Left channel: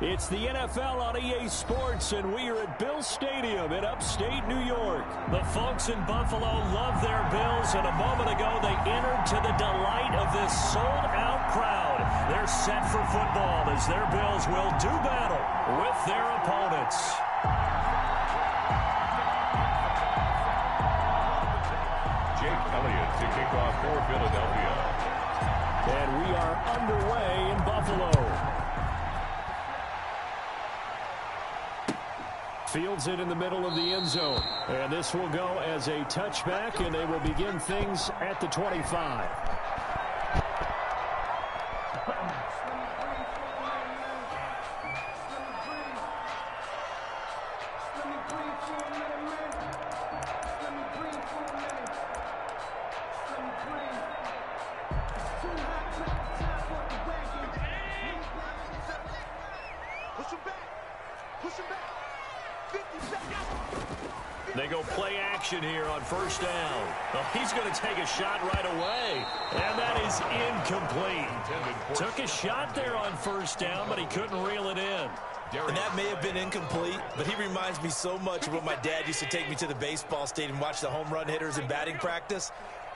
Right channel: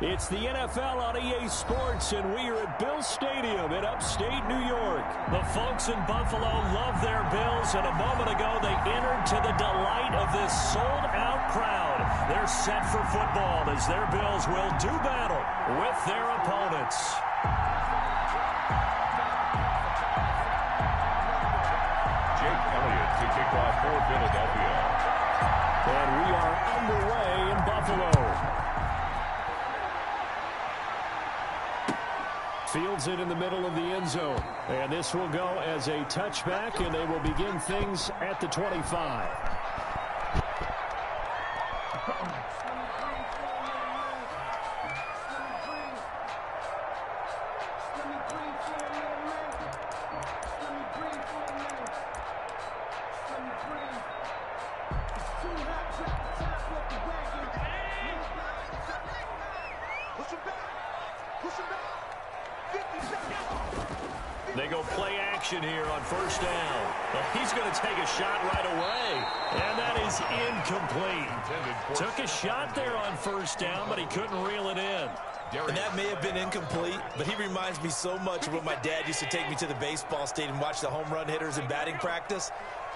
It's the NFL on EA Sports, and we are at Bills Stadium in upstate New York. The folks in Buffalo love their Bills, and a moment ago they entered to the delight of this sold-out crowd. They're set for football as their Bills will do battle with their opponents. Jake Elliott to kick off for Philadelphia. And we are underway in Buffalo. Fields it in the middle of the end zone. And this will go as a touchback, and they will begin things at the 25. They go play action here on first down. Well, he's going to take a shot right away, and that is incomplete. Took a shot there on first down, but he couldn't reel it in. And that may have been incomplete, but he reminds me so much of when my dad used to take me to the baseball stadium and watch the home run hitters in batting practice.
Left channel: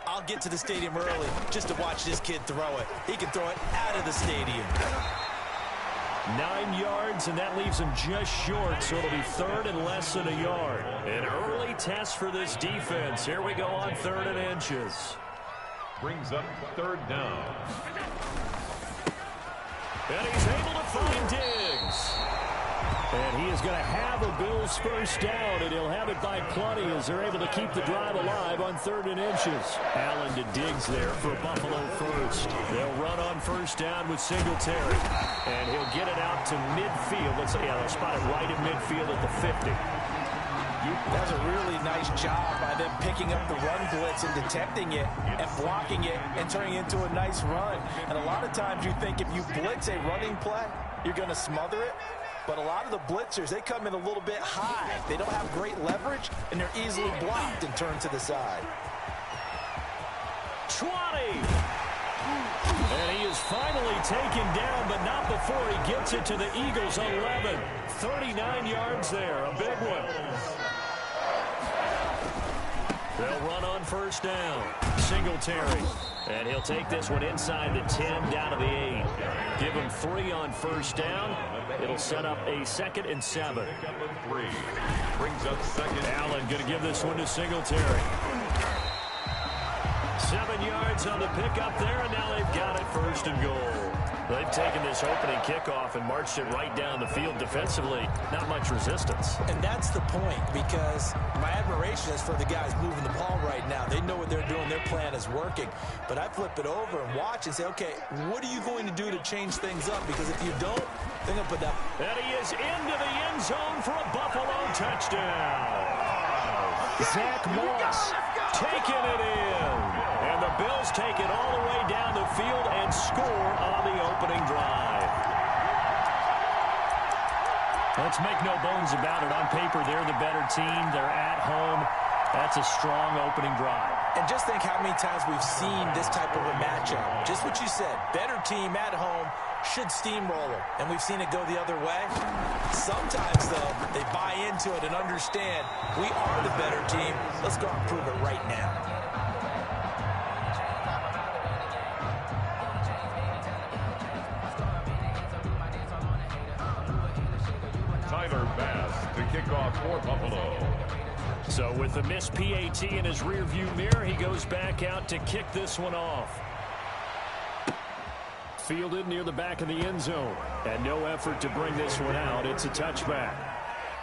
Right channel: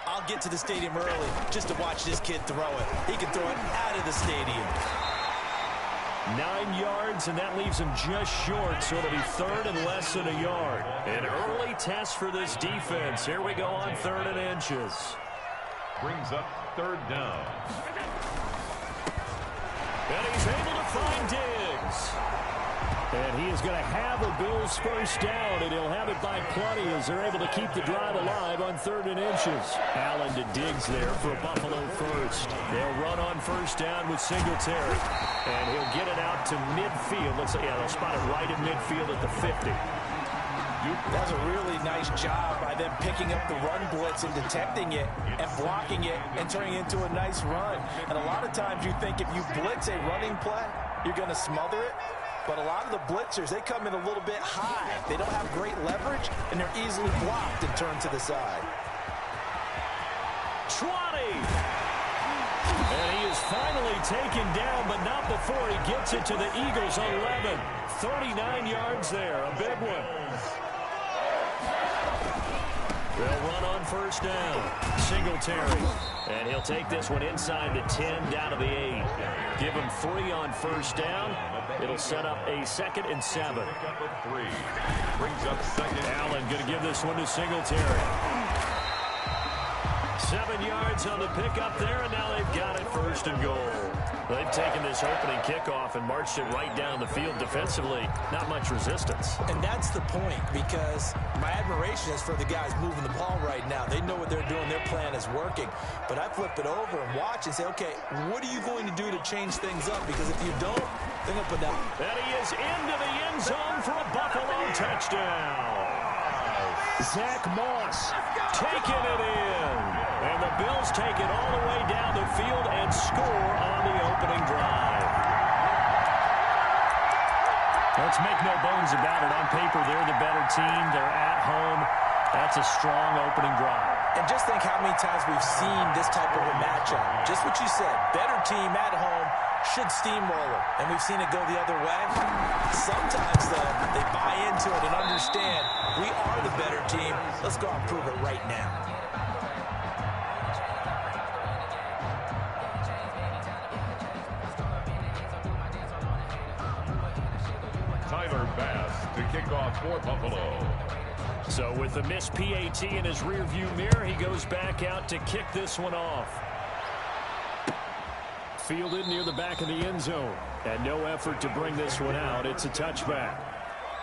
I'll get to the stadium early just to watch this kid throw it. He can throw it out of the stadium. 9 yards, and that leaves him just short, so it'll be third and less than a yard. An early test for this defense. Here we go on 3rd and inches. Brings up 3rd down. And he's able to find Diggs. And he is going to have a Bills first down, and he'll have it by plenty as they're able to keep the drive alive on 3rd and inches. Allen to Diggs there for a Buffalo first. They'll run on first down with Singletary. And he'll get it out to midfield. Looks like, yeah, they'll spot it right in midfield at the 50. That's a really nice job by them picking up the run blitz and detecting it and blocking it and turning it into a nice run. And a lot of times you think if you blitz a running play, you're going to smother it. But a lot of the blitzers, they come in a little bit high. They don't have great leverage, and they're easily blocked and turned to the side. 20. And he is finally taken down, but not before he gets it to the Eagles' 11. 39 yards there, a big one. They'll run on first down. Singletary. And he'll take this one inside the 10, down to the 8. Give him 3 on first down. It'll set up a 2nd and 7. Pickup of 3. Brings up 2nd. Allen going to give this one to Singletary. 7 yards on the pickup there, and now they've got it 1st and goal. They've taken this opening kickoff and marched it right down the field defensively. Not much resistance. And that's the point, because my admiration is for the guys moving the ball right now. They know what they're doing. Their plan is working. But I flip it over and watch and say, okay, what are you going to do to change things up? Because if you don't, they're going to put down. And he is into the end zone for a Buffalo touchdown. Zach Moss taking it in. And the Bills take it all the way down the field and score on the opening drive. Let's make no bones about it. On paper, they're the better team. They're at home. That's a strong opening drive. And just think how many times we've seen this type of a matchup. Just what you said. Better team at home should steamroll them. And we've seen it go the other way. Sometimes, though, they buy into it and understand we are the better team. Let's go out and prove it right now. Bass to kick off for Buffalo. So with the missed PAT in his rearview mirror, he goes back out to kick this one off. Fielded near the back of the end zone. And no effort to bring this one out. It's a touchback.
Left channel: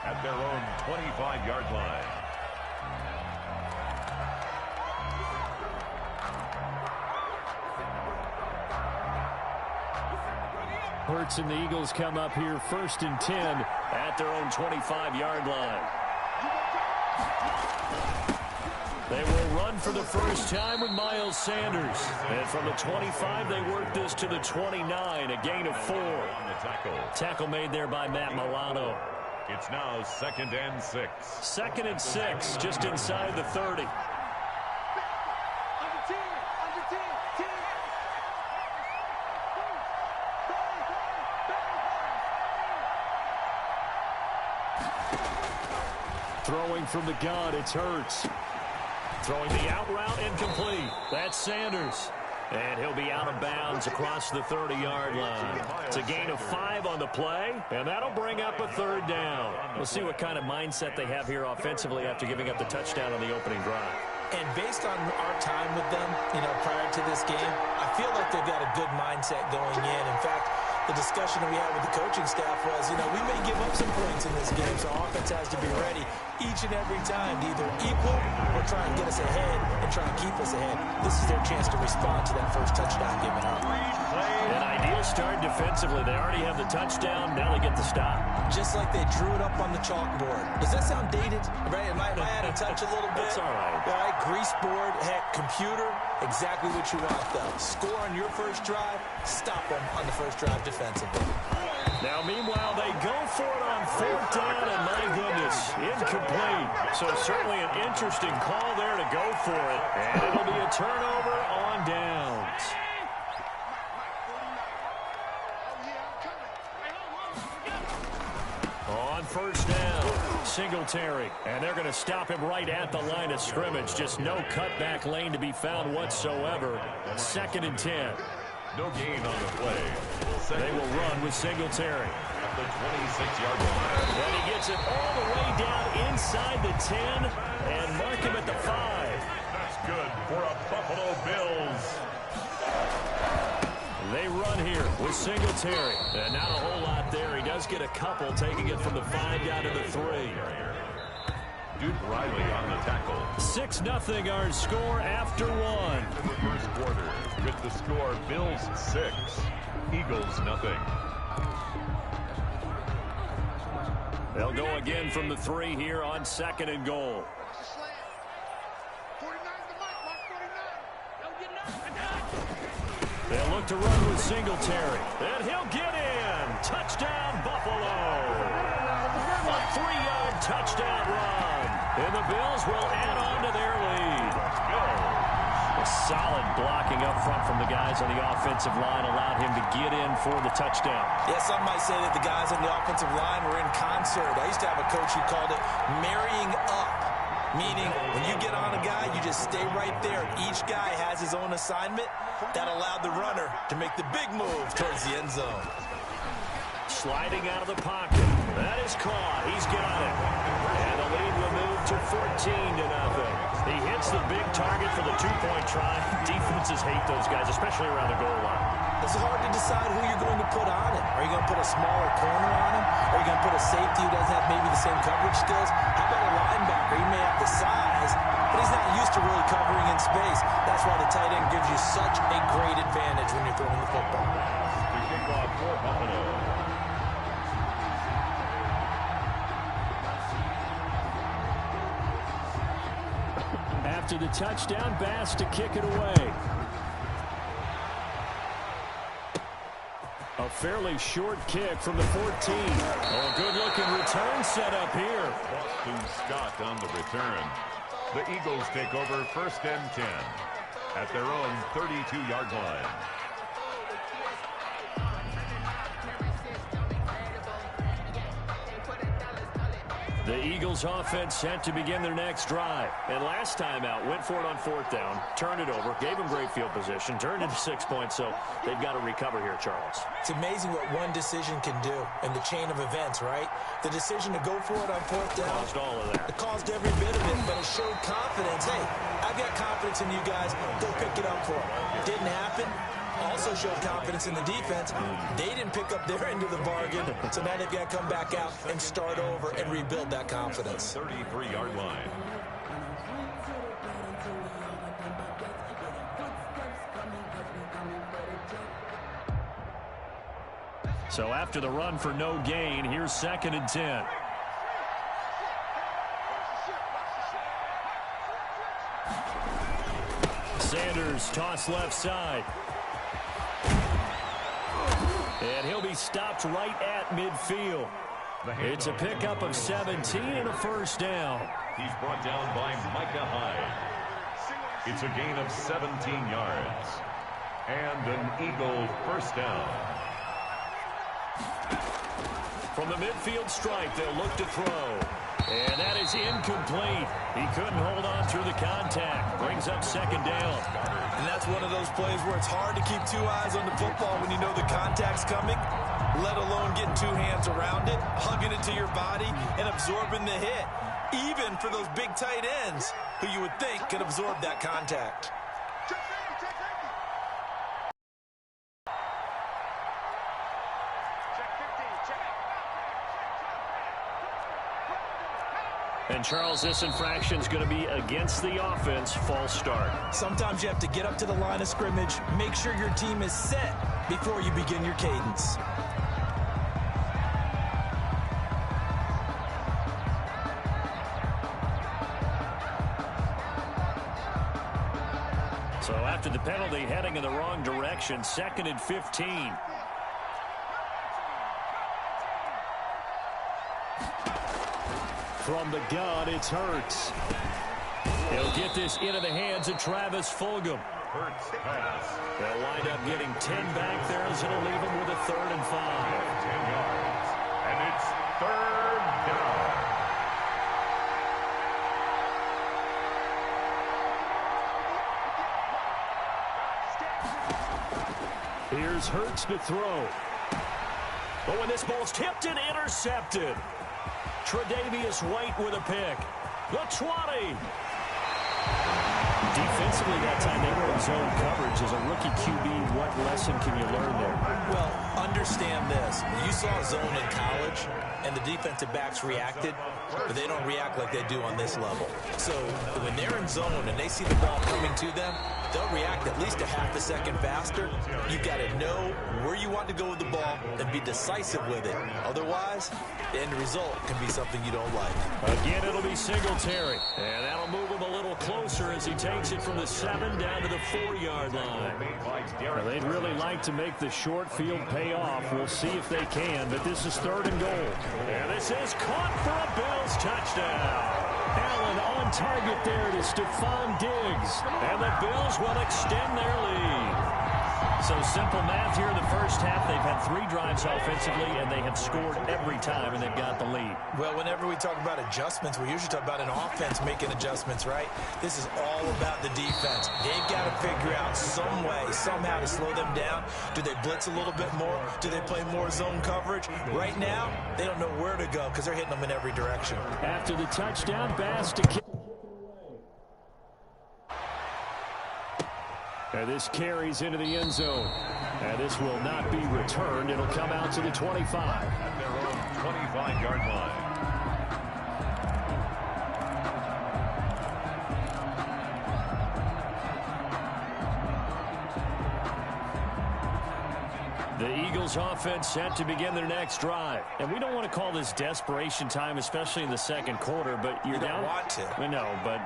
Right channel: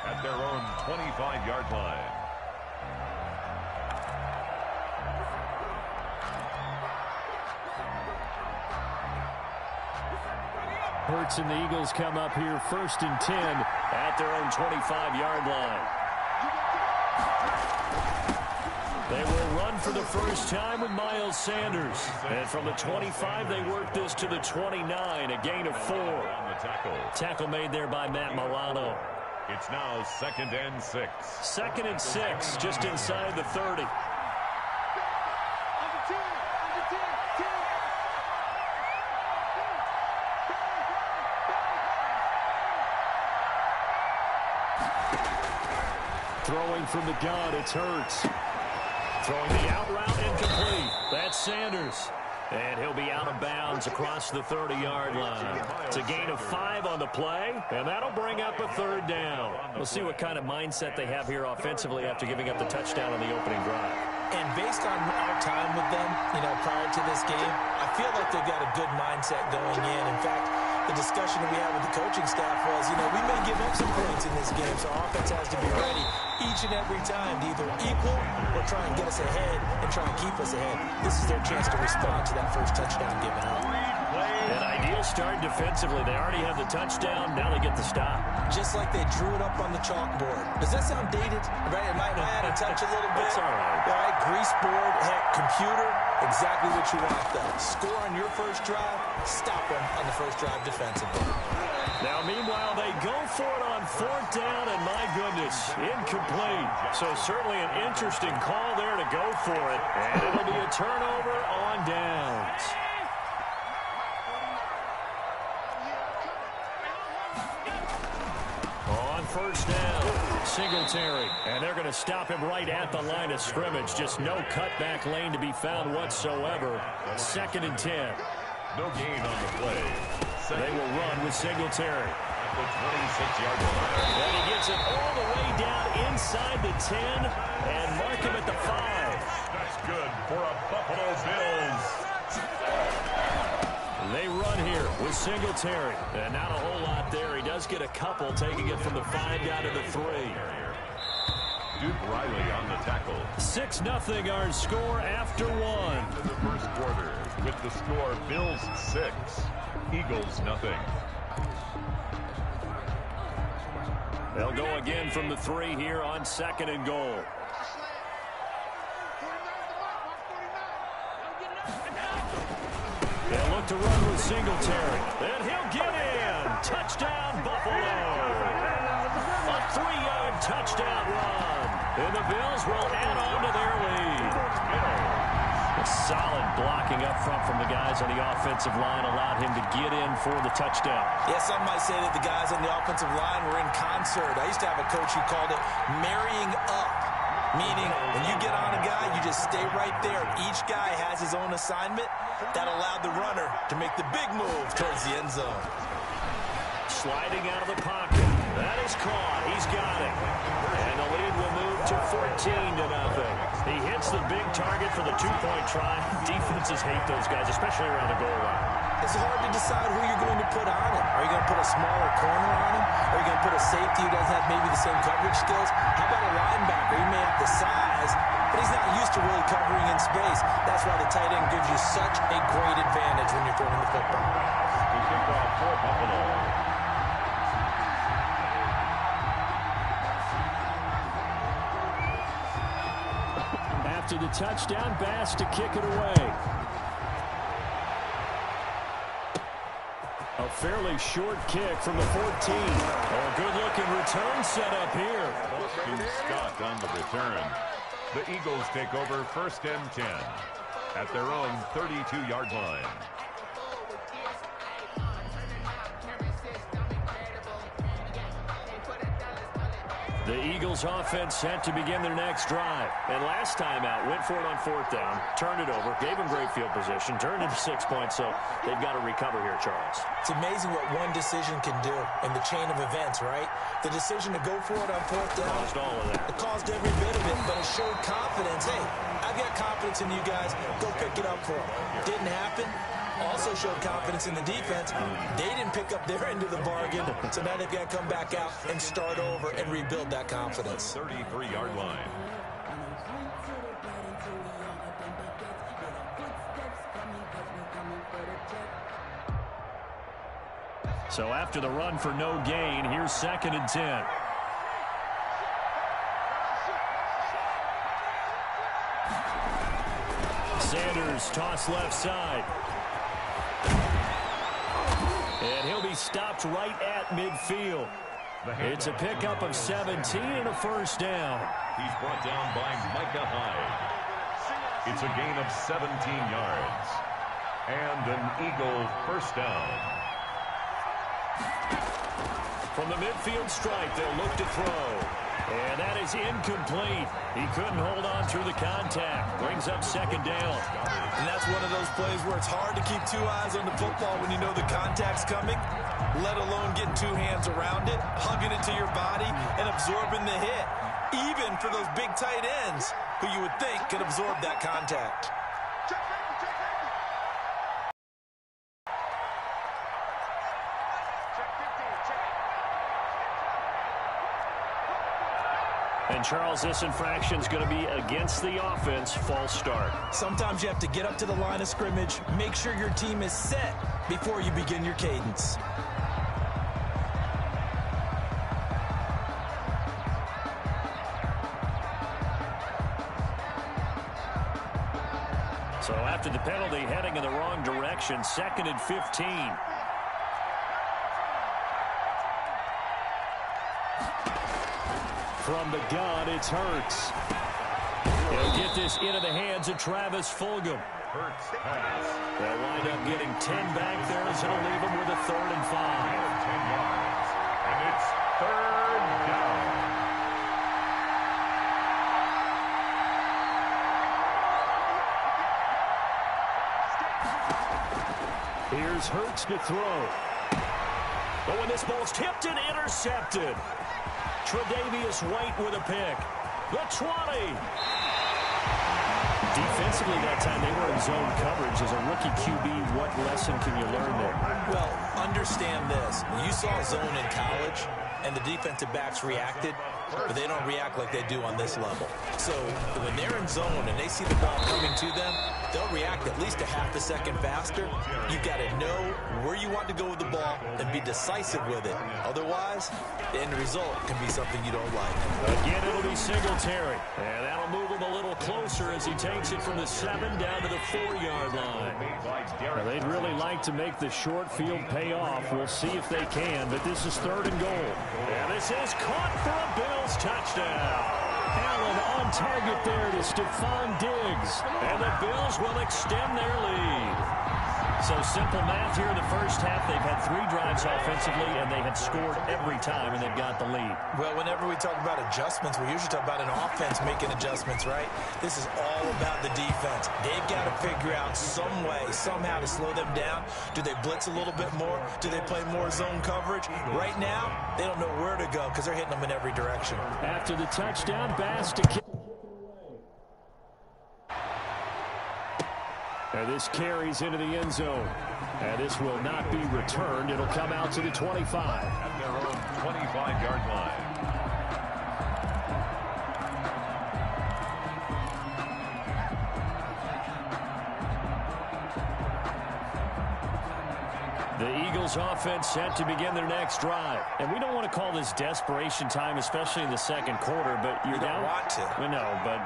At their own 25-yard line. Hurts and the Eagles come up here 1st and 10 at their own 25-yard line. They will run for the first time with Miles Sanders. And from the 25, they work this to the 29, a gain of 4. On the tackle. Tackle made there by Matt Milano. It's now 2nd and 6. 2nd and 6, just inside the 30. throwing from the gun. It's Hurts. Throwing the out route incomplete. That's Sanders. And he'll be out of bounds across the 30-yard line. It's a gain of 5 on the play, and that'll bring up a 3rd down. We'll see what kind of mindset they have here offensively after giving up the touchdown on the opening drive. And based on our time with them, prior to this game, I feel like they've got a good mindset going in. In fact, the discussion that we had with the coaching staff was, we may give up some points in this game, so our offense has to be ready each and every time to either equal or try and get us ahead and try and keep us ahead. This is their chance to respond to that first touchdown given up. An ideal start defensively. They already have the touchdown. Now they get the stop. Just like they drew it up on the chalkboard. Does that sound dated? Right? Am I out of touch a little bit? It's all right. All right, grease board, heck, computer, exactly what you want, though. Score on your first drive, stop them on the first drive defensively. Now, meanwhile, they go for it on 4th down, and my goodness, incomplete. So certainly an interesting call there to go for it, and it'll be a turnover on downs. On 1st down, Singletary, and they're going to stop him right at the line of scrimmage. Just no cutback lane to be found whatsoever. 2nd and 10. No gain on the play. They will run with Singletary. At the 26-yard line. And he gets it all the way down inside the 10 and mark him at the 5. That's good for a Buffalo Bills. They run here with Singletary. And not a whole lot there. He does get a couple, taking it from the 5 down to the 3. Duke Riley on the tackle. 6-0 our score after 1. In the first quarter, with the score Bills 6, Eagles 0. They'll go again from the 3 here on 2nd and goal. They'll look to run with Singletary. And he'll get in. Touchdown, Buffalo. A 3-yard touchdown run. And the Bills will add on to their lead. A solid blocking up front from the guys on the offensive line allowed him to get in for the touchdown. Yeah, some might say that the guys on the offensive line were in concert. I used to have a coach who called it marrying up. Meaning, when you get on a guy, you just stay right there. Each guy has his own assignment. That allowed the runner to make the big move towards the end zone. Sliding out of the pocket. That is caught. He's got it. And the lead will move to 14-0. He hits the big target for the 2-point try. Defenses hate those guys, especially around the goal line. It's hard to decide who you're going to put on him. Are you going to put a smaller corner on him? Are you going to put a safety who doesn't have maybe the same coverage skills? How about a linebacker? He may have the size, but he's not used to really covering in space. That's why the tight end gives you such a great advantage when you're throwing the football. To kick off for Buffalo. After the touchdown, Bass to kick it away. A fairly short kick from the 14. Oh, good-looking return set up here. Boston Scott on the return. The Eagles take over 1st and 10 at their own 32-yard line. The Eagles offense set to begin their next drive. And last time out, went for it on 4th down, turned it over, gave them great field position, turned into 6 points, so they've got to recover here, Charles. It's amazing what one decision can do in the chain of events, right? The decision to go for it on 4th down. Caused all of that. It caused every bit of it, but it showed confidence. Hey, I've got confidence in you guys. Go pick it up for them. Didn't happen. Also showed confidence in the defense. They didn't pick up their end of the bargain, so now they've got to come back out and start over and rebuild that confidence. 33-yard line. So after the run for no gain, here's 2nd and 10. Sanders toss left side. And he'll be stopped right at midfield. It's a pickup of 17 and a 1st down. He's brought down by Micah Hyde. It's a gain of 17 yards. And an Eagle 1st down. From the midfield stripe, they'll look to throw. And that is incomplete. He couldn't hold on through the contact. Brings up second down. And that's one of those plays where it's hard to keep two eyes on the football when you know the contact's coming, let alone getting two hands around it, hugging it to your body, and absorbing the hit, even for those big tight ends who you would think could absorb that contact. And, Charles, this infraction is going to be against the offense. False start. Sometimes you have to get up to the line of scrimmage, make sure your team is set before you begin your cadence. So after the penalty, heading in the wrong direction, 2nd and 15. From the gun, it's Hurts. He'll get this into the hands of Travis Fulgham. Hurts pass. They'll wind up getting 10 back there, as it'll leave them with a 3rd and 5. 10 yards. And it's 3rd down. Here's Hurts to throw. But when this ball's tipped and intercepted, Tre'Davious White with a pick. The 20. Defensively that time, they were in zone coverage. As a rookie QB, what lesson can you learn there? Well, understand this. You saw zone in college, and the defensive backs reacted, but they don't react like they do on this level. So when they're in zone and they see the ball coming to them, they'll react at least a half a second faster. You've got to know where you want to go with the ball and be decisive with it. Otherwise, the end result can be something you don't like. Again, it'll be Singletary. And that'll move him a little closer as he takes it from the 7 down to the 4-yard line. Well, they'd really like to make the short field pay off. We'll see if they can, but this is 3rd and goal. And this is caught for a Bills touchdown. Allen on target there to Stephon Diggs. And the Bills will extend their lead. So simple math here in the first half. They've had 3 drives offensively, and they have scored every time, and they've got the lead. Well, whenever we talk about adjustments, we usually talk about an offense making adjustments, right? This is all about the defense. They've got to figure out some way, somehow to slow them down. Do they blitz a little bit more? Do they play more zone coverage? Right now, they don't know where to go because they're hitting them in every direction. After the touchdown, Bass to kick. And this carries into the end zone. And this will not be returned. It'll come out to the 25. At their own 25-yard line. The Eagles offense set to begin their next drive. And we don't want to call this desperation time, especially in the second quarter, but you're down. You don't want to. No, but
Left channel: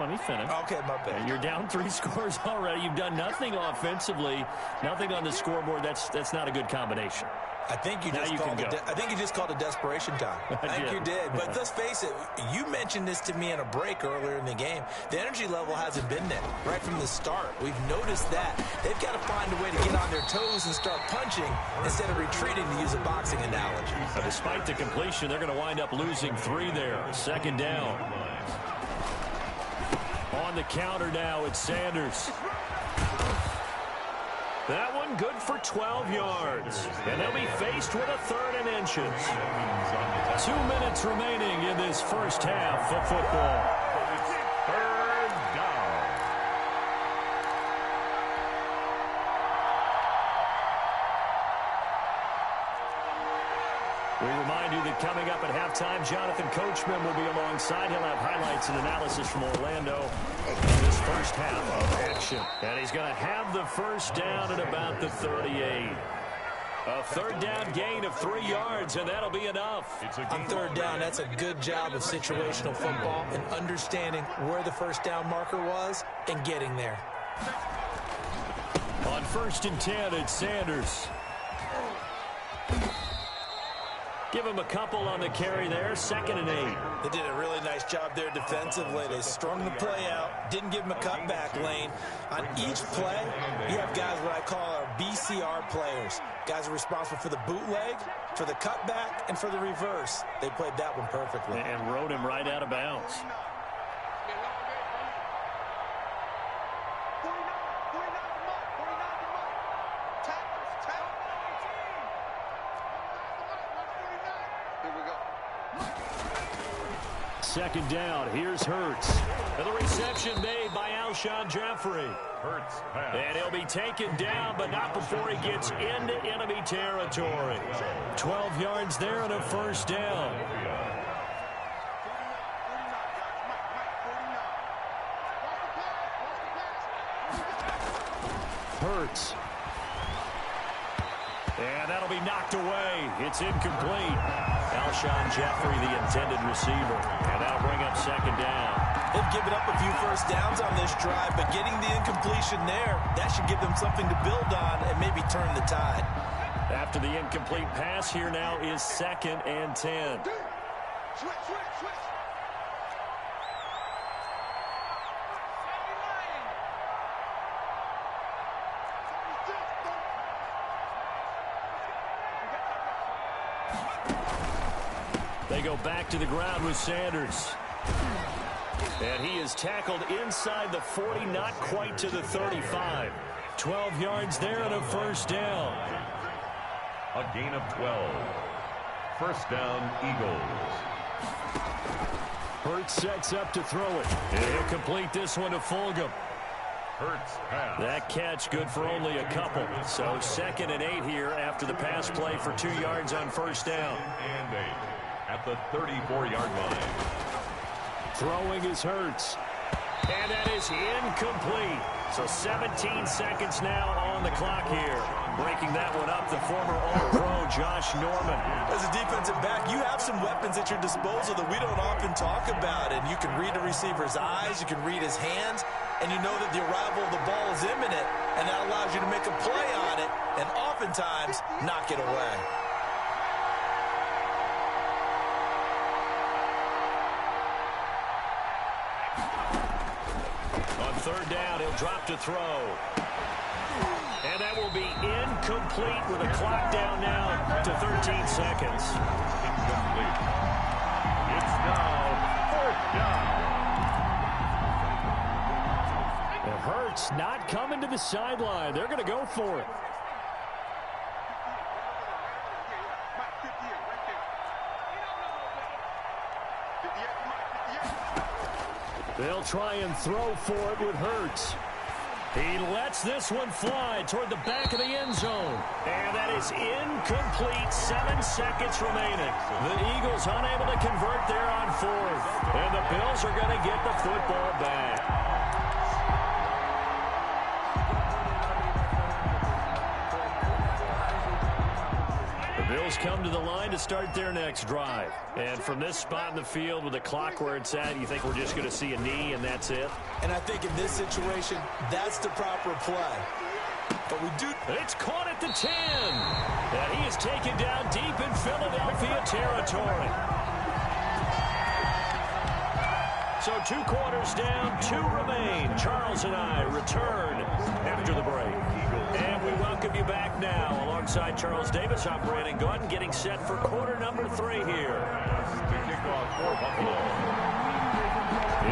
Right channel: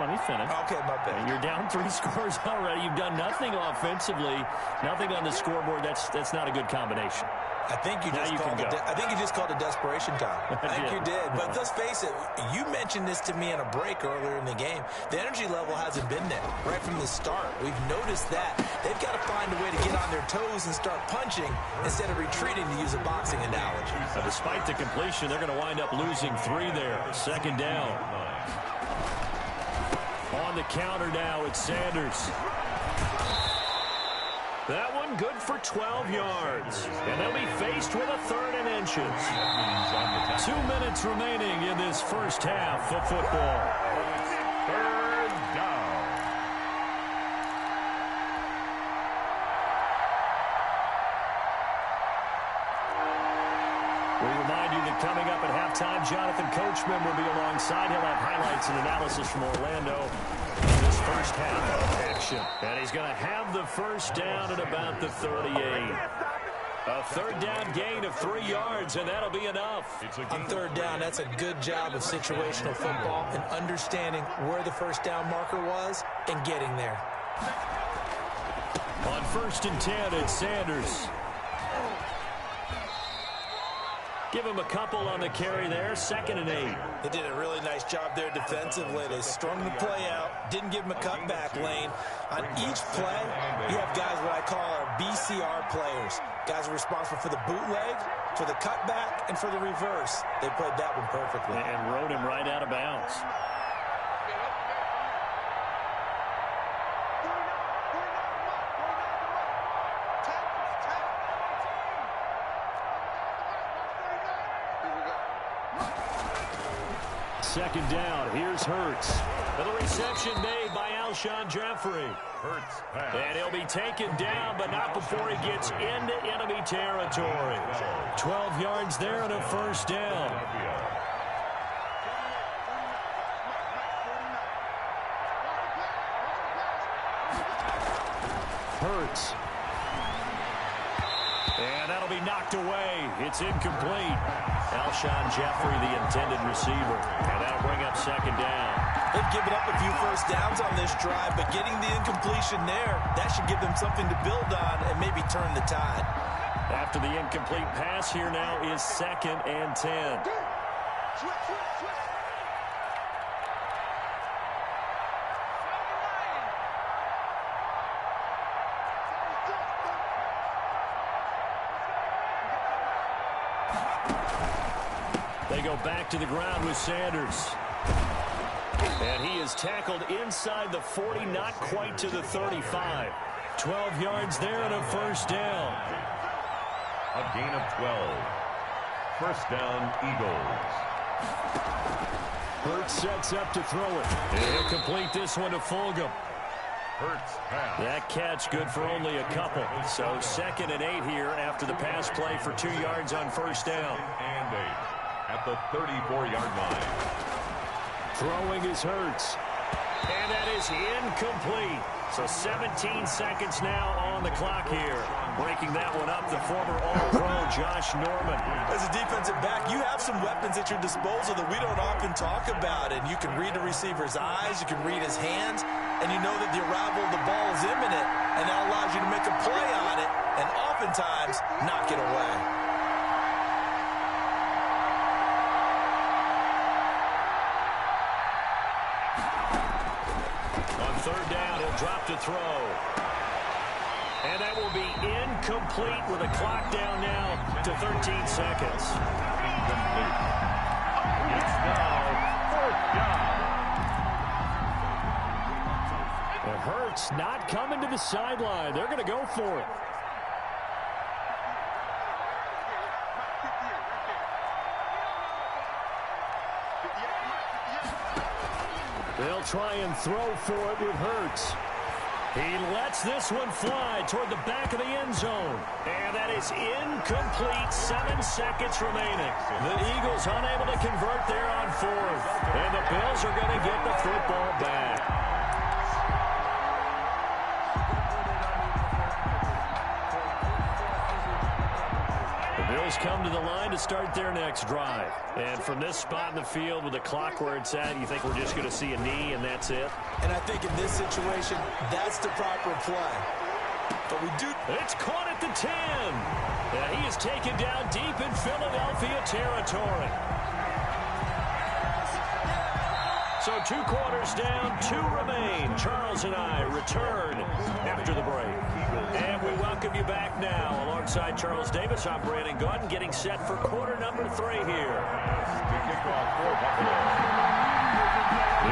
let me finish. Okay, my bad. You're down 3 scores already. You've done nothing offensively, nothing on the scoreboard. That's not a good combination. I think you just called it desperation time. I think you did. But let's face it, you mentioned this to me in a break earlier in the game. The energy level hasn't been there right from the start. We've noticed that. They've got to find a way to get on their toes and start punching instead of retreating, to use a boxing analogy. Despite the completion, they're going to wind up losing 3 there. 2nd down. On the counter now, it's Sanders. That one good for 12 yards. And they'll be faced with a 3rd and inches. 2 minutes remaining in this first half of football. It's 3rd down. We remind you that coming up at halftime, Jonathan Coachman will be alongside. He'll have highlights and analysis from Orlando in this first half of action. And he's going to have the first down at about the 38. A 3rd down gain of 3 yards, and that'll be enough. On 3rd down, that's a good job of situational football and understanding where the first down marker was and getting there. On 1st and 10, it's Sanders. Give him a couple on the carry there, 2nd and 8. They did a really nice job there defensively. They strung the play out, didn't give him a cutback lane. On each play, you have guys what I call our BCR players. Guys are responsible for the bootleg, for the cutback, and for the reverse. They played that one perfectly. And rode him right out of bounds. Second down, here's Hurts. And the reception made by Alshon Jeffrey. Hurts pass. And he'll be taken down, but not before he gets into enemy territory. 12 yards there and a first down. Hurts. And that'll be knocked away. It's incomplete. Alshon Jeffrey, the intended receiver. And that'll bring up second down. They've given up a few first downs on this drive, but getting the incompletion there, that should give them something to build on and maybe turn the tide. After the incomplete pass, here now is 2nd and 10. Switch. They go back to the ground with Sanders. And he is tackled inside the 40, not quite to the 35. 12 yards there and a first down. A gain of 12. First down, Eagles. Hurts sets up to throw it. And he'll complete this one to Fulgham. Hurts pass. That catch good for only a couple. So 2nd and 8 here after the pass play for 2 yards on first down. 2nd and 8 at the 34-yard line. Throwing is Hurts. And that is incomplete. So 17 seconds now on the clock here. Breaking that one up, the former All-Pro Josh Norman. As a defensive back, you have some weapons at your disposal that we don't often talk about. And you can read a receiver's eyes, you can read his hands, and you know that the arrival of the ball is imminent. And that allows you to make a play on it and oftentimes knock it away. On third down, he'll drop to throw. And that will be incomplete with a clock down now to 13 seconds. Incomplete. It's now 4th down. And Hurts not coming to the sideline. They're going to go for it. They'll try and throw for it with Hurts. He lets this one fly toward the back of the end zone. And that is incomplete. 7 seconds remaining. The Eagles unable to convert there on 4th. And the Bills are going to get the football back. The Bills come to the line to start their next drive. And from this spot in the field with the clock where it's at, you think we're just going to see a knee and that's it? And I think in this situation, that's the proper play. But we do... It's caught at the 10. And he is taken down deep in Philadelphia territory. So 2 quarters down, 2 remain. Charles and I return after the break. And we welcome you back now. Alongside Charles Davis, I'm Brandon Gordon, getting set for quarter number 3 here. To kick off for Buffalo.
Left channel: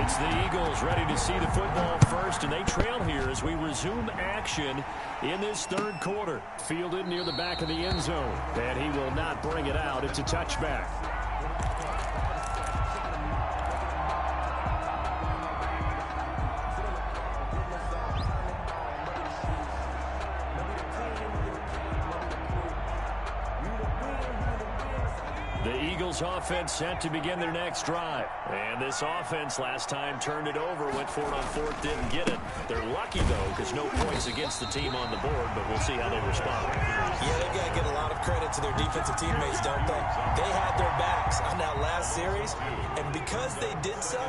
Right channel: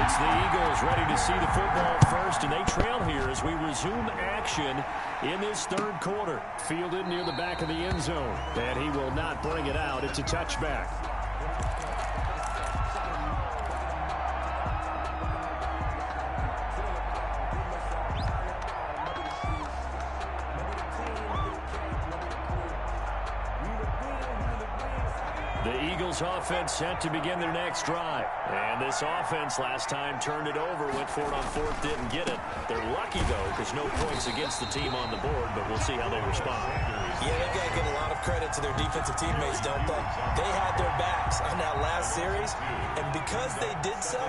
It's the Eagles ready to see the football first, and they trail here as we resume action in this 3rd quarter. Fielded near the back of the end zone, and he will not bring it out. It's a touchback. The Eagles offense set to begin their next drive. And this offense last time turned it over, went for it on fourth, didn't get it. They're lucky, though, because no points against the team on the board, but we'll see how they respond. Yeah, they've got to give a lot of credit to their defensive teammates, don't they? They had their backs on that last series, and because they did so,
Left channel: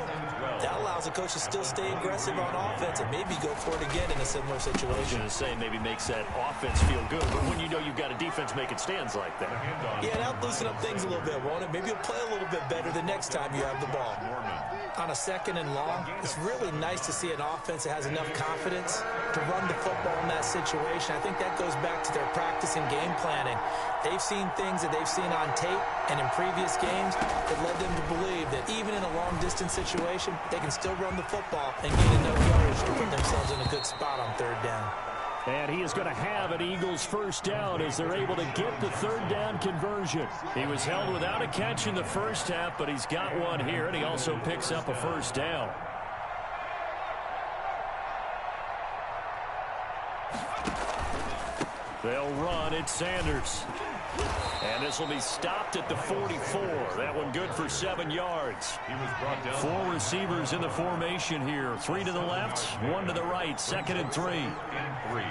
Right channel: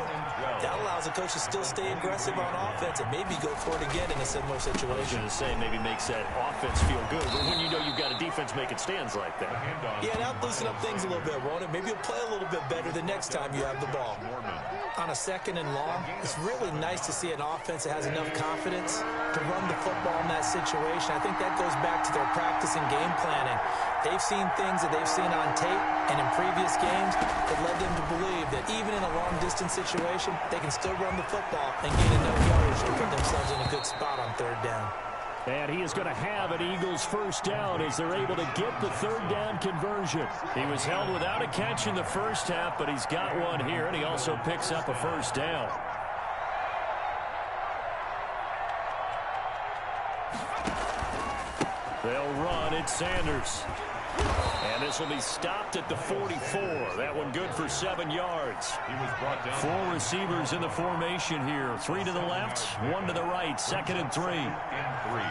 that allows the coach to still stay aggressive on offense and maybe go for it again in a similar situation. I was going to say maybe makes that offense feel good, but when you know you've got a defense making stands like that. Yeah, that'll loosen up things a little bit, won't it? Maybe you'll play a little bit better the next time you have the ball. On a second and long, it's really nice to see an offense that has enough confidence to run the football in that situation. I think that goes back to their practice and game planning. They've seen things that they've seen on tape and in previous games that led them to believe that even in a long-distance situation, they can still run the football and gain enough yardage to put themselves in a good spot on third down. And he is going to have an Eagles first down as they're able to get the third down conversion. He was held without a catch in the first half, but he's got one here, and he also picks up a first down. They'll run. It's Sanders. And this will be stopped at the 44. That one good for 7 yards. He was brought down. 4 receivers in the formation here. 3 to the left, 1 to the right. 2nd and 3. And 3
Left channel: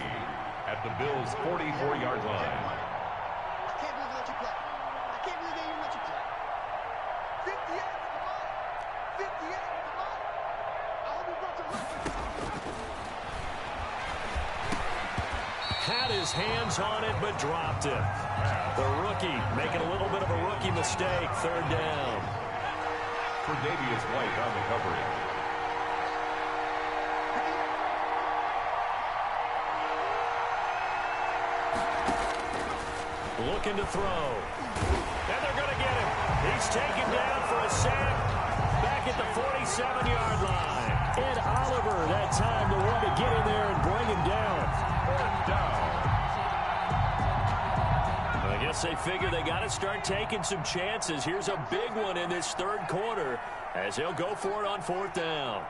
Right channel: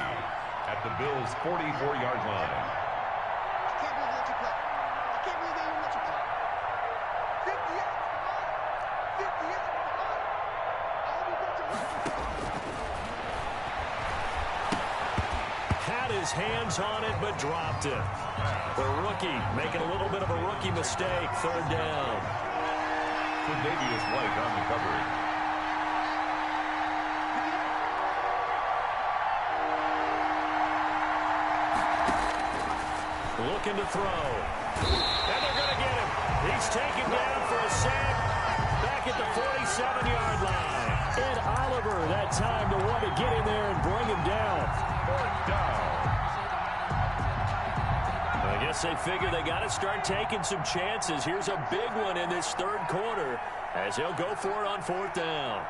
at the Bills' 44-yard line. I can't believe they let you play. I can't believe they even let you play. 58 with the money. 58 with the money. I hope you brought your record. Had his hands on it, but dropped it. The rookie making a little bit of a rookie mistake. Third down. Tre'Davious White on the coverage. Looking to throw. And they're going to get him. He's taken down for a sack back at the 47-yard line. Ed Oliver that time, the one to get in there and bring him down. Fourth down. I guess they figure they got to start taking some chances. Here's a big one in this third quarter as he'll go for it on fourth down.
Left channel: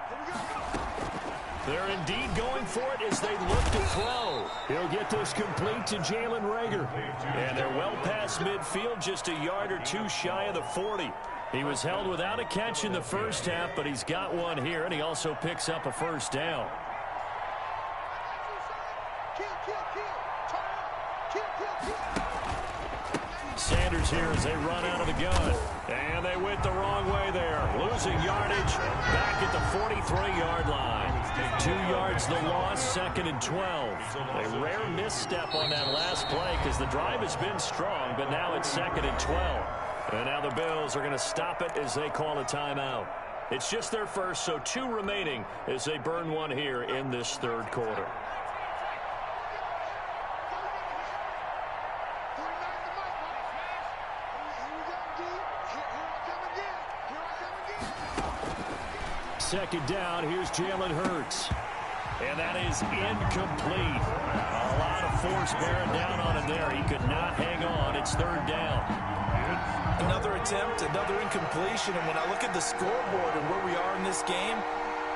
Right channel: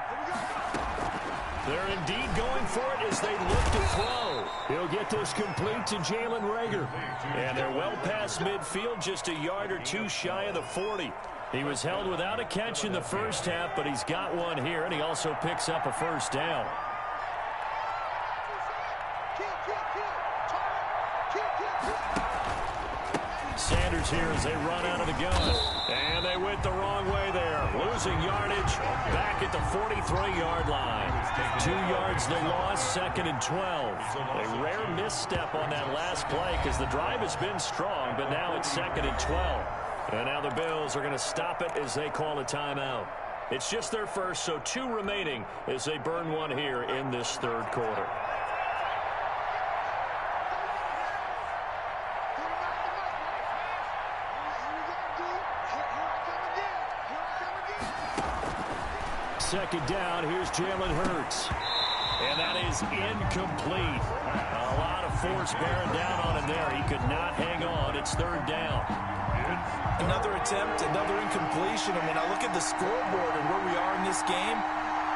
They're indeed going for it as they look to throw. He'll get this complete to Jalen Reagor. And they're well past midfield, just a yard or two shy of the 40. He was held without a catch in the first half, but he's got one here, and he also picks up a first down. Sanders here as they run out of the gun. And they went the wrong way there. Losing yardage back at the 43-yard line. 2 yards the loss, 2nd and 12. A rare misstep on that last play because the drive has been strong, but now it's 2nd and 12. And now the Bills are going to stop it as they call a timeout. It's just their first, so 2 remaining as they burn one here in this third quarter. Second down, here's Jalen Hurts. And that is incomplete. A lot of force bearing down on him there. He could not hang on. It's third down. Another attempt, another incompletion. And when I look at the scoreboard and where we are in this game,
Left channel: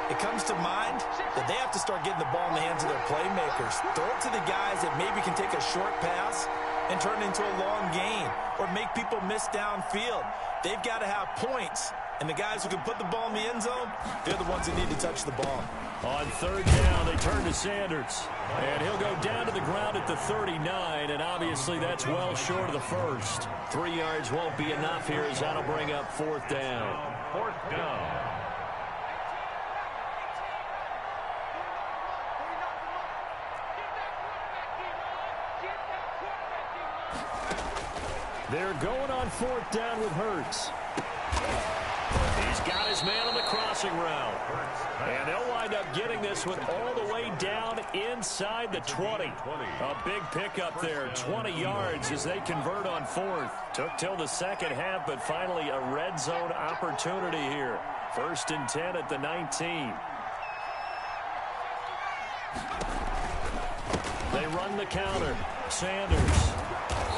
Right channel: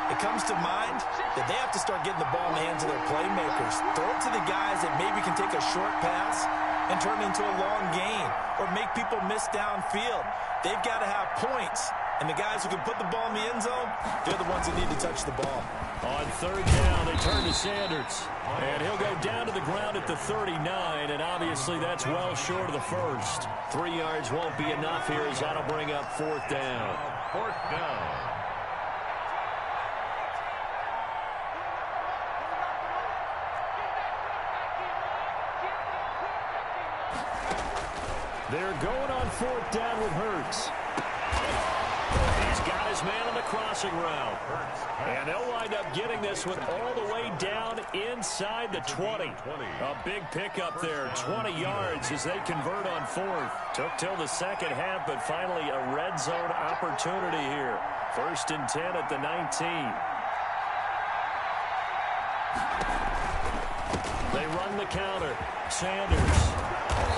it comes to mind that they have to start getting the ball in the hands of their playmakers. Throw it to the guys that maybe can take a short pass and turn it into a long gain or make people miss downfield. They've got to have points. And the guys who can put the ball in the end zone, they're the ones that need to touch the ball. On third down, they turn to Sanders. And he'll go down to the ground at the 39, and obviously that's well short of the first. 3 yards won't be enough here as that'll bring up fourth down. Fourth down. They're going on fourth down with Hurts. He's got his man on the crossing route. And they'll wind up getting this one all the way down inside the 20. A big pickup there, 20 yards as they convert on fourth. Took till the second half, but finally a red zone opportunity here. 1st and 10 at the 19. They run the counter. Sanders.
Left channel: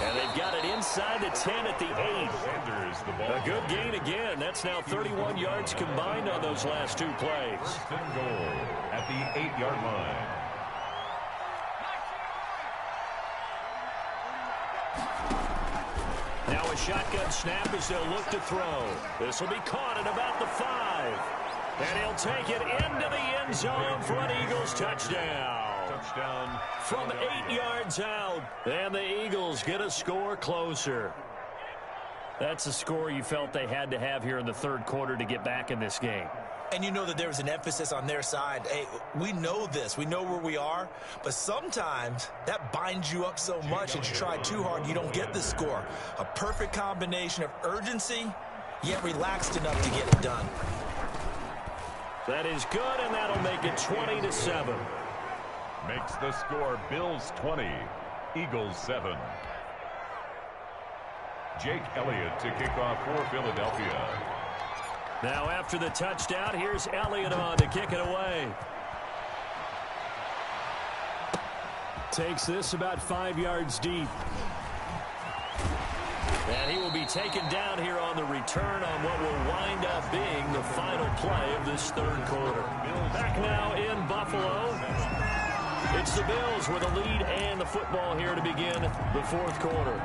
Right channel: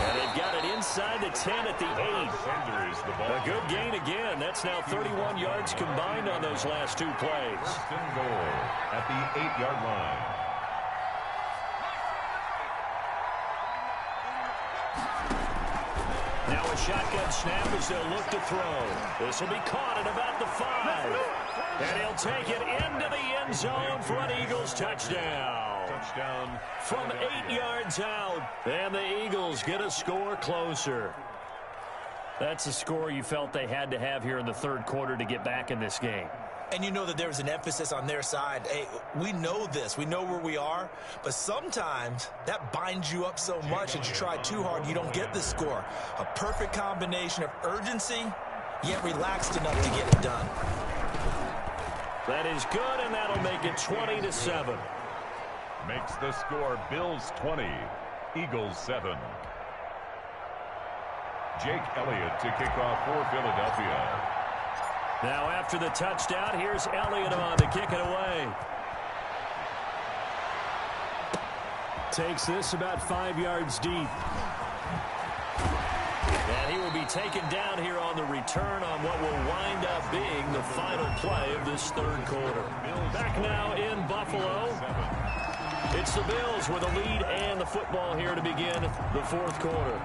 And they've got it inside the 10 at the 8. Sanders, the ball. A good gain again. That's now 31 yards combined on those last 2 plays. 1st and goal at the 8-yard line. Now a shotgun snap as they'll look to throw. This will be caught at about the 5. And he'll take it into the end zone for an Eagles touchdown. Touchdown from 8 yards out. And the Eagles get a score closer. That's a score you felt they had to have here in the third quarter to get back in this game. And you know that there was an emphasis on their side. Hey, we know this. We know where we are. But sometimes that binds you up so much that you try too hard, you don't get the score. A perfect combination of urgency, yet relaxed enough to get it done. That is good, and that'll make it 20-7. Makes the score Bills 20, Eagles 7. Jake Elliott to kick off for Philadelphia. Now after the touchdown, here's Elliott on to kick it away. Takes this about 5 yards deep. And he will be taken down here on the return on what will wind up being the final play of this third quarter. Back now in Buffalo. It's the Bills with a lead and the football here to begin the fourth quarter.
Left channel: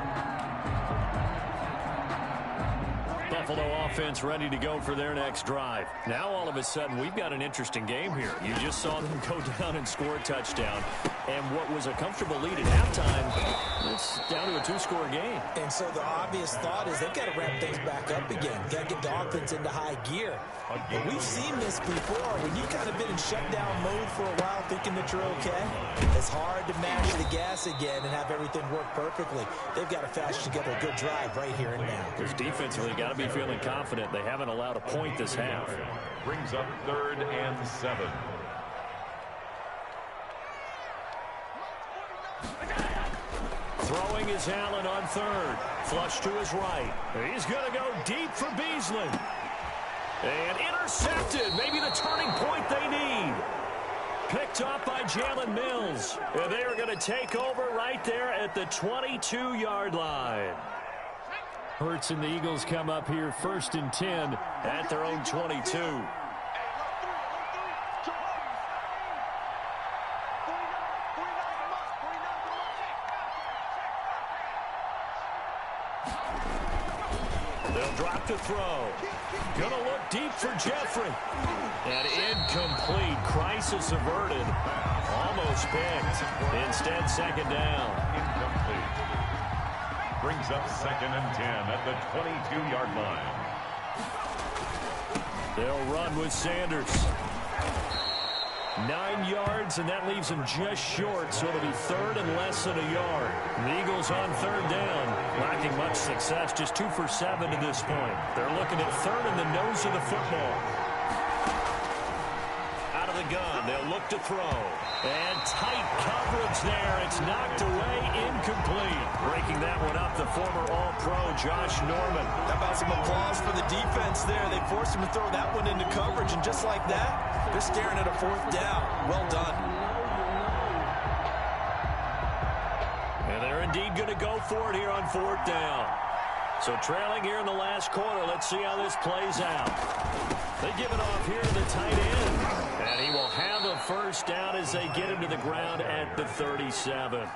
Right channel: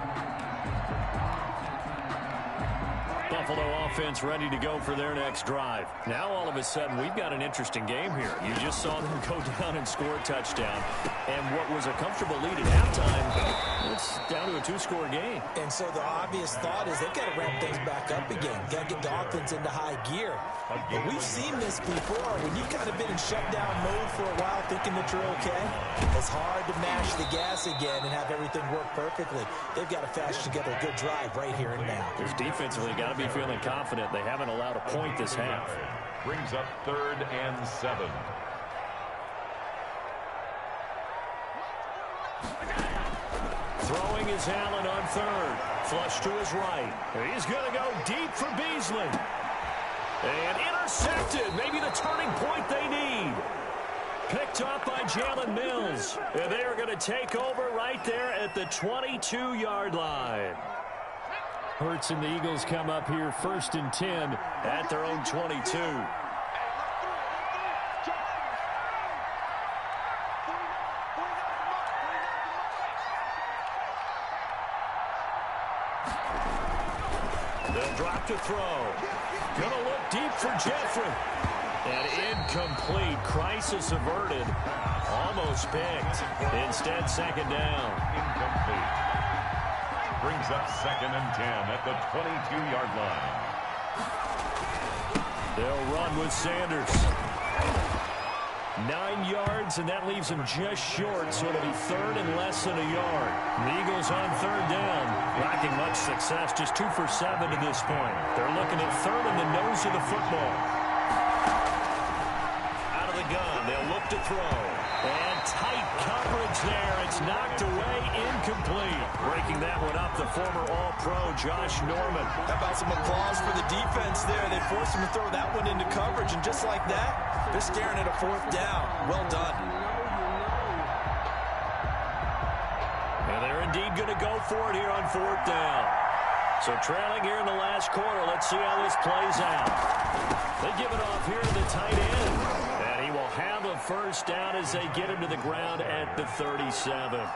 Buffalo offense ready to go for their next drive. Now all of a sudden we've got an interesting game here. You just saw them go down and score a touchdown. And what was a comfortable lead at halftime, it's down to a 2-score game. And so the obvious thought is they've got to ramp things back up again. Got to get the offense into high gear. But we've seen this before. When you've kind of been in shutdown mode for a while thinking that you're okay, it's hard to mash the gas again and have everything work perfectly. They've got to fashion together a good drive right here and now. Because defensively got to be feeling confident. They haven't allowed a point this half. Brings up 3rd and 7. Throwing is Allen on 3rd. Flush to his right. He's going to go deep for Beasley. And intercepted. Maybe the turning point they need. Picked up by Jalen Mills. And they are going to take over right there at the 22-yard line. Hurts and the Eagles come up here 1st and 10 at their own 22. They'll drop to throw. Gonna look deep for Jeffrey. And incomplete. Crisis averted. Almost picked. Instead, 2nd down. Incomplete. Brings up 2nd and 10 at the 22-yard line. They'll run with Sanders. 9 yards, and that leaves him just short, so it'll be 3rd and less than a yard. The Eagles on 3rd down, lacking much success, just 2 for 7 to this point. They're looking at 3rd in the nose of the football. Out of the gun, they'll look to throw. And tight coverage there. It's knocked away, incomplete. Breaking that one up, the former All-Pro Josh Norman. How about some applause for the defense there? They forced him to throw that one into coverage, and just like that, they're staring at a 4th down. Well done. And they're indeed going to go for it here on 4th down. So trailing here in the last quarter, let's see how this plays out. They give it off here to the tight end. And he will have a 1st down as they get him to the ground at the 37.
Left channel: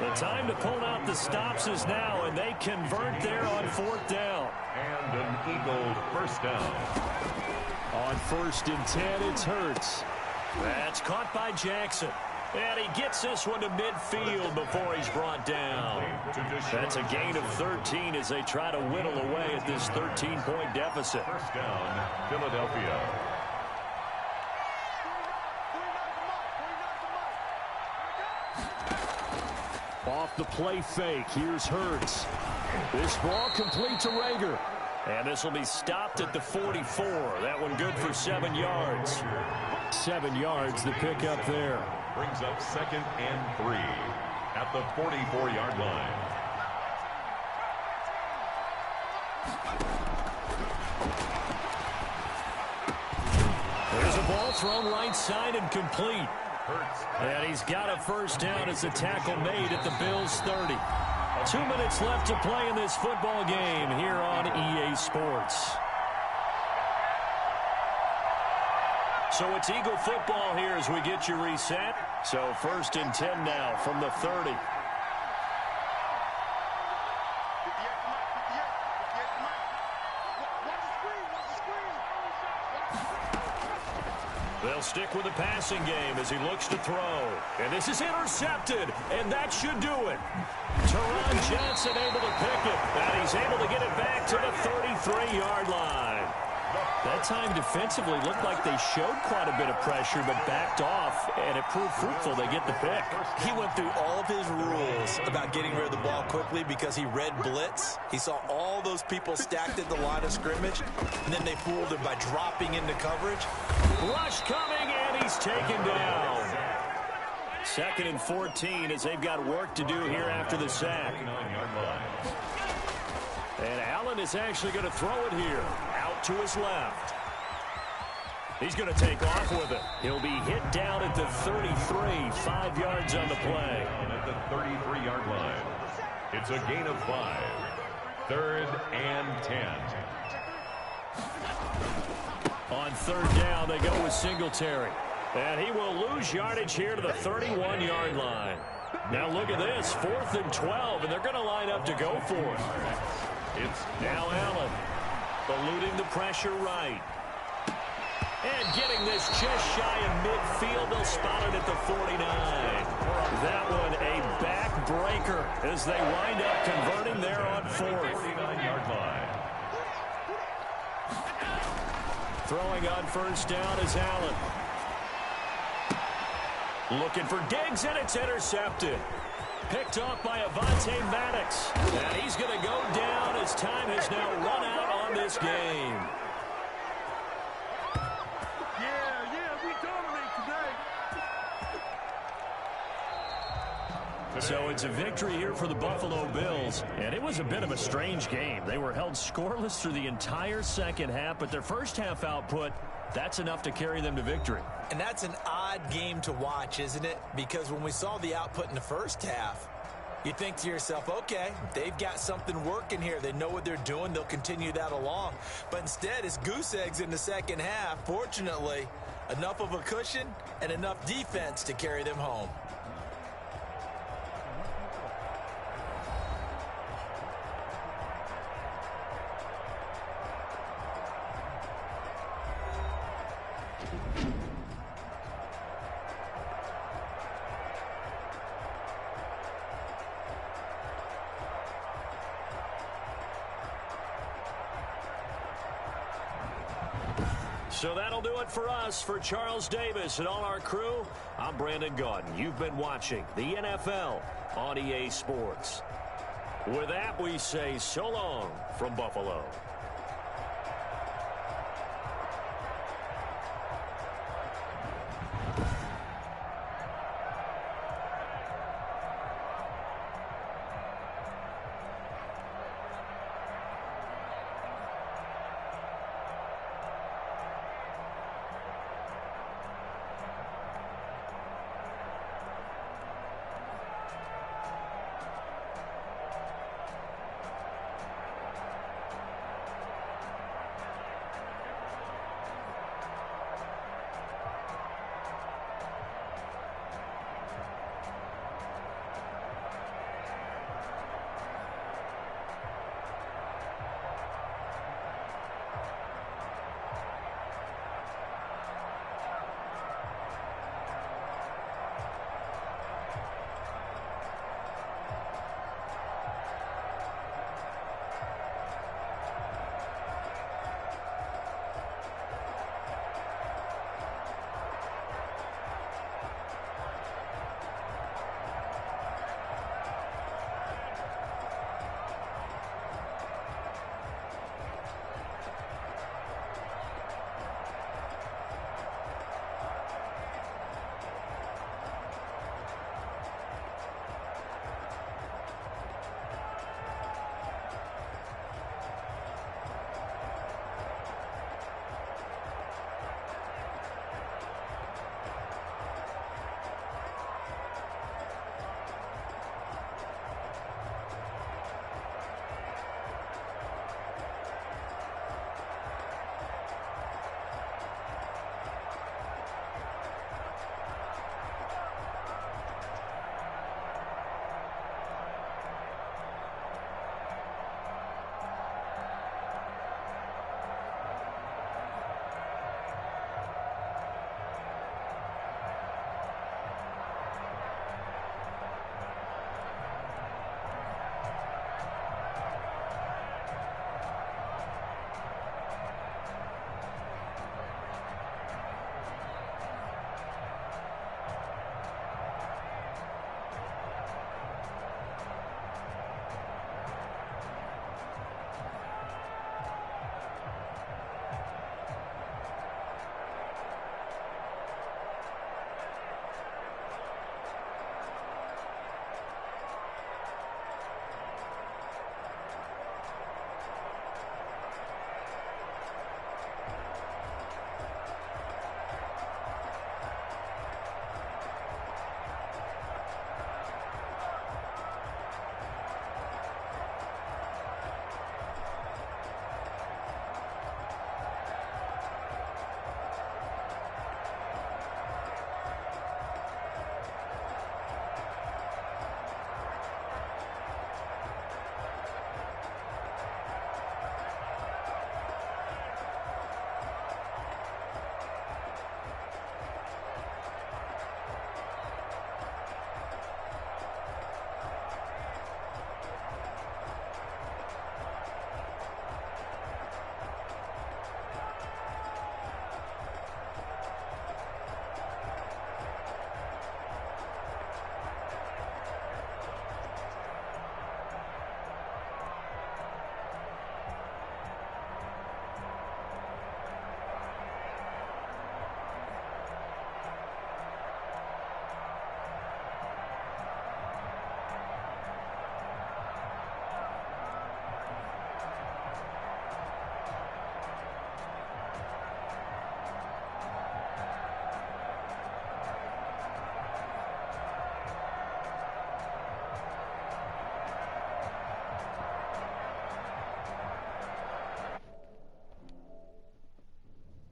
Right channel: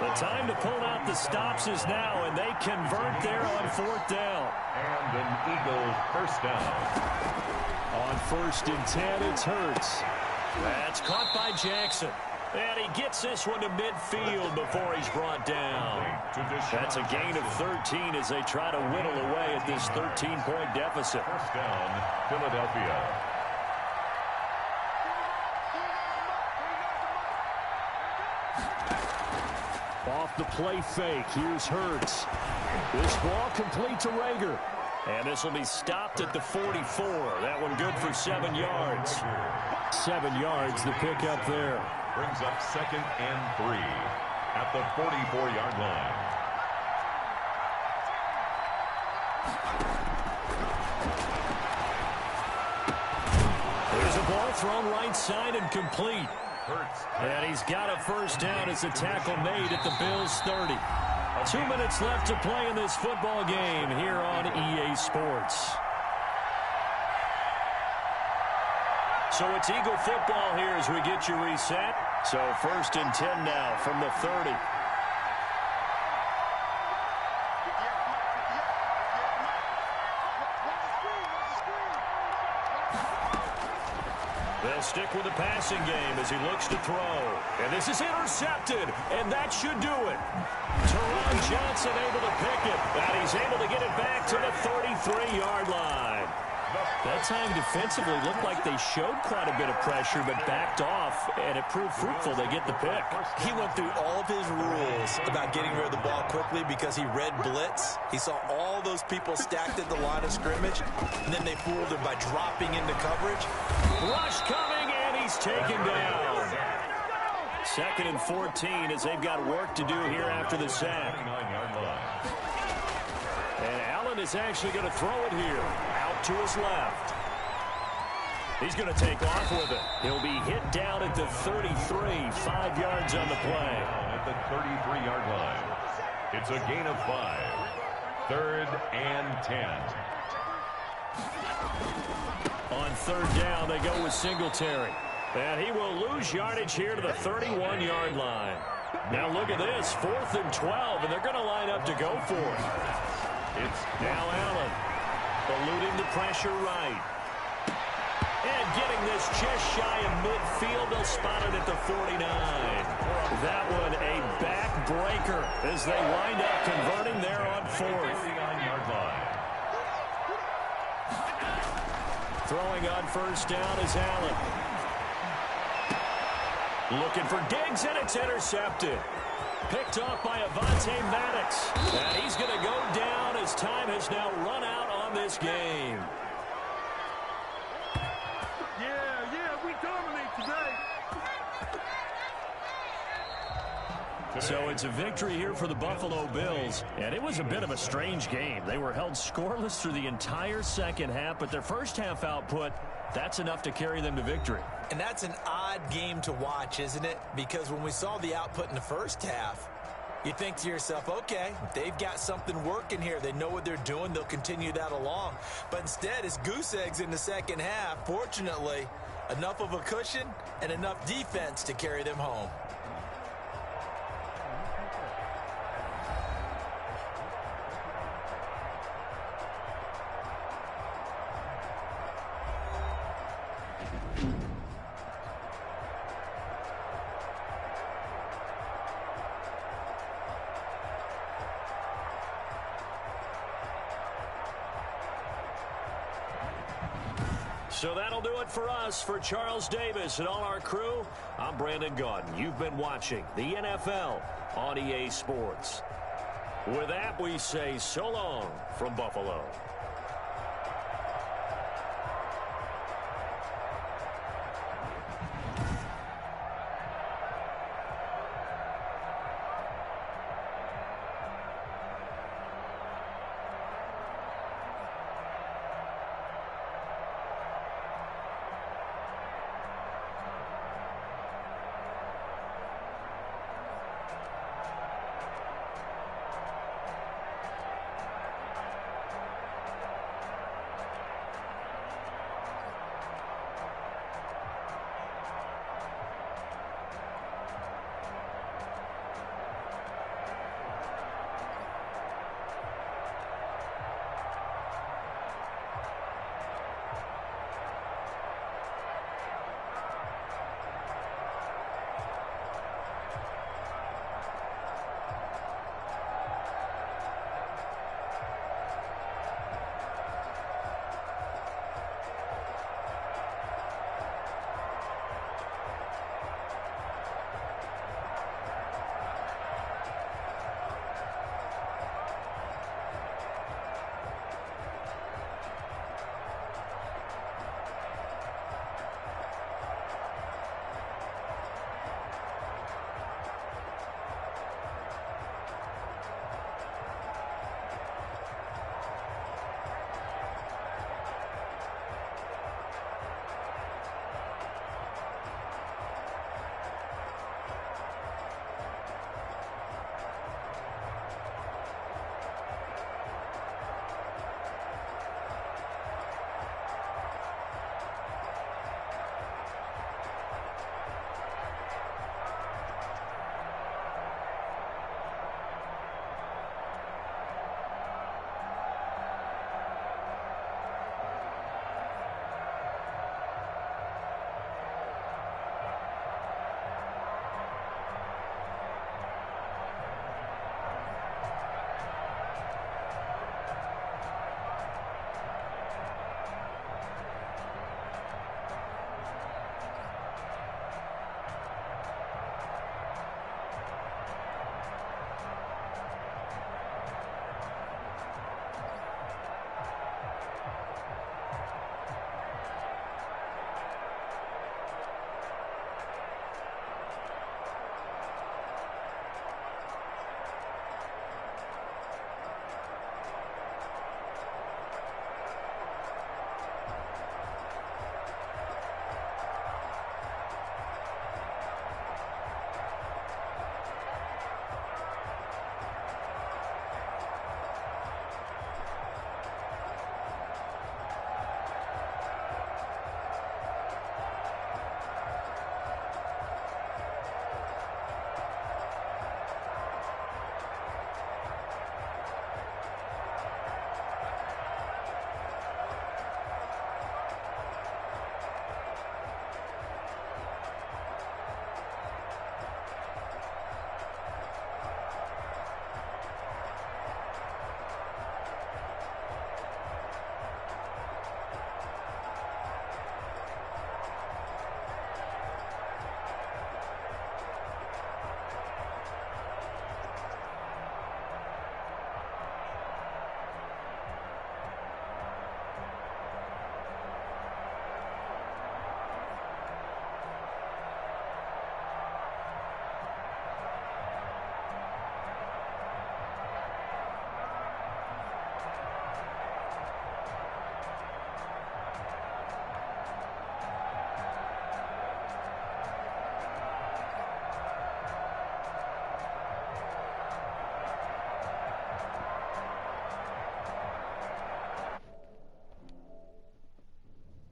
The time to pull out the stops is now, and they convert there on 4th down. And an Eagle 1st down. On 1st and 10, it's Hurts. That's caught by Jackson. And he gets this one to midfield before he's brought down. That's a gain of 13 as they try to whittle away at this 13-point deficit. 1st down, Philadelphia. Off the play fake, here's Hurts. This ball complete to Rager. And this will be stopped at the 44. That one good for 7 yards. 7 yards, the pickup there. Brings up 2nd and 3 at the 44-yard line. There's a ball thrown right side and complete. Hurts. And he's got a 1st down as the tackle made at the Bills' 30. 2 minutes left to play in this football game here on EA Sports. So it's Eagle football here as we get you reset. So 1st and 10 now from the 30. 58, They'll stick with the passing game as he looks to throw. And this is intercepted, and that should do it. Teron Johnson able to pick it, and he's able to get it back to the 33-yard line. That time defensively looked like they showed quite a bit of pressure but backed off, and it proved fruitful. They get the pick. He went through all of his rules about getting rid of the ball quickly because he read blitz. He saw all those people stacked at the line of scrimmage, and then they fooled him by dropping into coverage. Rush coming, and he's taken down. 2nd and 14 as they've got work to do here after the sack. And Allen is actually going to throw it here, out to his left. He's going to take off with it. He'll be hit down at the 33, 5 yards on the play. At the 33-yard line. It's a gain of 5. 3rd and 10. On 3rd down, they go with Singletary. And he will lose yardage here to the 31-yard line. Now look at this, 4th and 12, and they're going to line up to go for it. It's now Allen, eluding the pressure right. And getting this just shy of midfield, they'll spot it at the 49. That one a backbreaker as they wind up converting there on 4th. 49-yard line. Throwing on 1st down is Allen. Looking for Diggs, and it's intercepted. Picked off by Avonte Maddox. And he's going to go down as time has now run out on this game. Yeah, we dominate today. So it's a victory here for the Buffalo Bills. And it was a bit of a strange game. They were held scoreless through the entire second half, but their first half output, that's enough to carry them to victory. And that's an odd game to watch, isn't it? Because when we saw the output in the first half, you think to yourself, okay, they've got something working here. They know what they're doing. They'll continue that along. But instead, it's goose eggs in the second half. Fortunately, enough of a cushion and enough defense to carry them home. So that'll do it for us. For Charles Davis and all our crew, I'm Brandon Gaudin. You've been watching the NFL on EA Sports. With that, we say so long from Buffalo.